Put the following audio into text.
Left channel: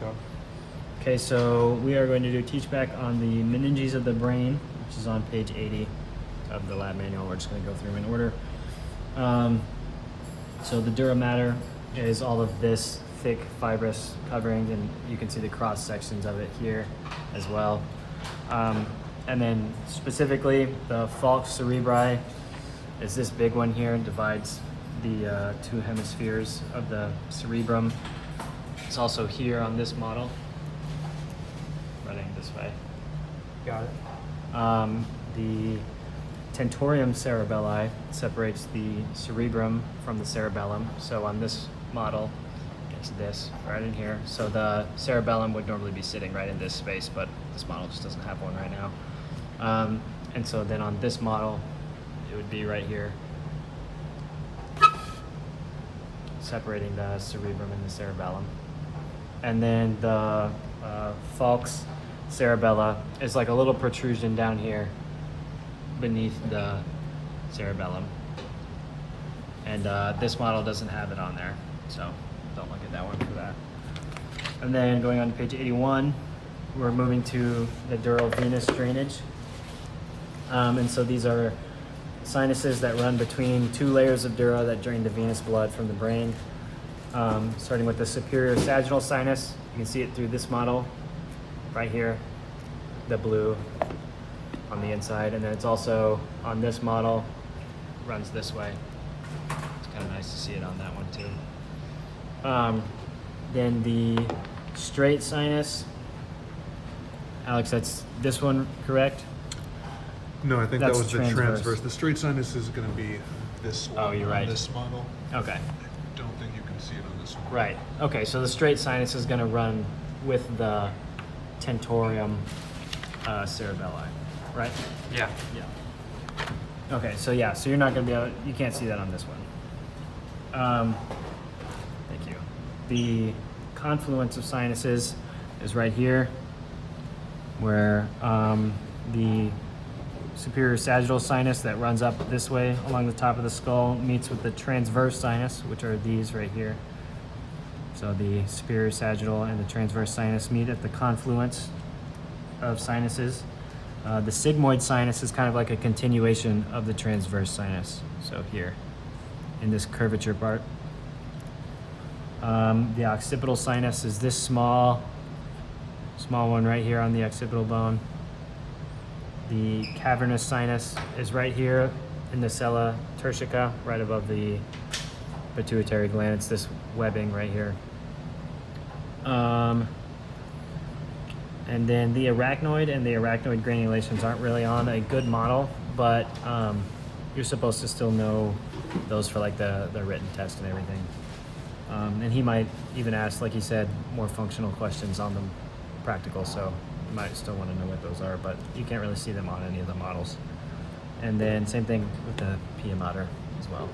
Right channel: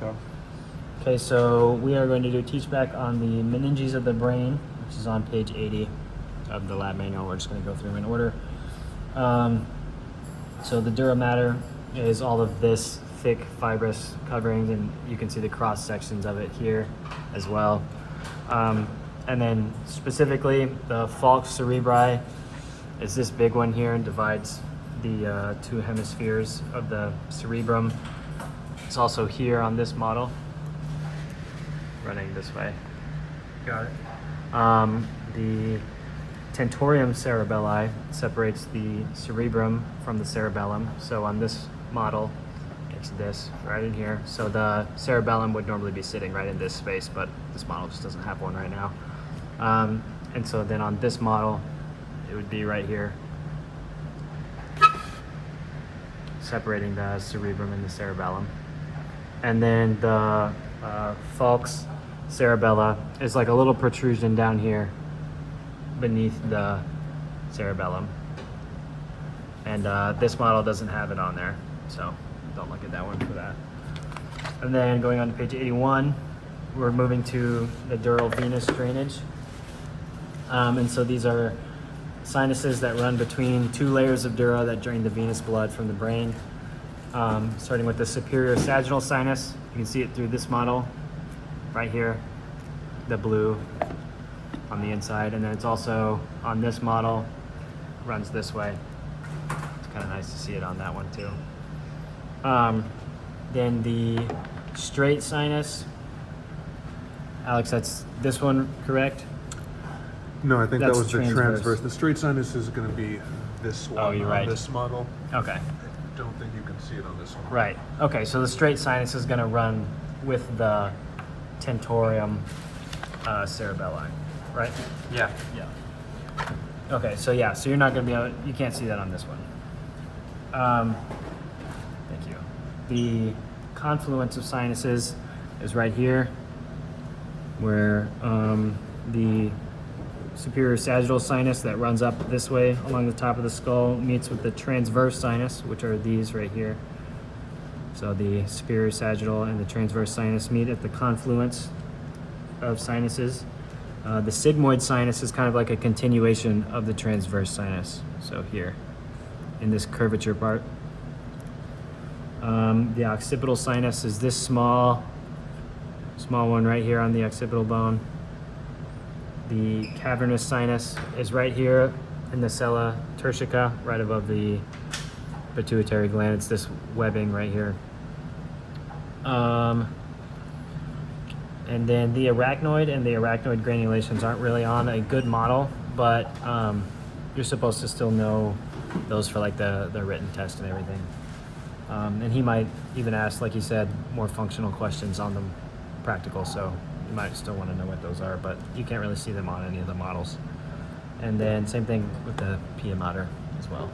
Go. Okay, so we are going to do teach back on the meninges of the brain, which is on page 80 of the lab manual. We're just going to go through in order. So the dura mater is all of this thick fibrous covering, and you can see the cross sections of it here as well. And then specifically, the falx cerebri is this big one here and divides the two hemispheres of the cerebrum. It's also here on this model, running this way. Got it. The tentorium cerebelli separates the cerebrum from the cerebellum. So on this model, it's this right in here. So the cerebellum would normally be sitting right in this space, but this model just doesn't have one right now. And so then on this model, it would be right here, separating the cerebrum and the cerebellum. And then the falx cerebella is like a little protrusion down here beneath the cerebellum. And this model doesn't have it on there, so don't look at that one for that. And then going on to page 81, we're moving to the dural venous drainage. And so these are sinuses that run between two layers of dura that drain the venous blood from the brain. Starting with the superior sagittal sinus, you can see it through this model right here, the blue on the inside, and then it's also on this model, runs this way. It's kind of nice to see it on that one too. Then the straight sinus, Alex, that's this one, correct? No, I think That's that was the transverse. transverse. The straight sinus is going to be this one Oh, you're on right. this model. Okay. I don't think you can see it on this one. Right. Okay, so the straight sinus is going to run with the tentorium cerebelli, right? Yeah. Yeah. Okay, so yeah, so you're not going to be able, you can't see that on this one. Thank you. The confluence of sinuses is right here, where the superior sagittal sinus that runs up this way along the top of the skull meets with the transverse sinus, which are these right here. So the superior sagittal and the transverse sinus meet at the confluence of sinuses. The sigmoid sinus is kind of like a continuation of the transverse sinus. So here, in this curvature part. The occipital sinus is this small one right here on the occipital bone. The cavernous sinus is right here in the sella turcica, right above the pituitary gland. It's this webbing right here. And then the arachnoid and the arachnoid granulations aren't really on a good model, but you're supposed to still know those for like the written test and everything. And he might even ask, like he said, more functional questions on them practical, so you might still want to know what those are, but you can't really see them on any of the models. And then same thing with the pia mater as well.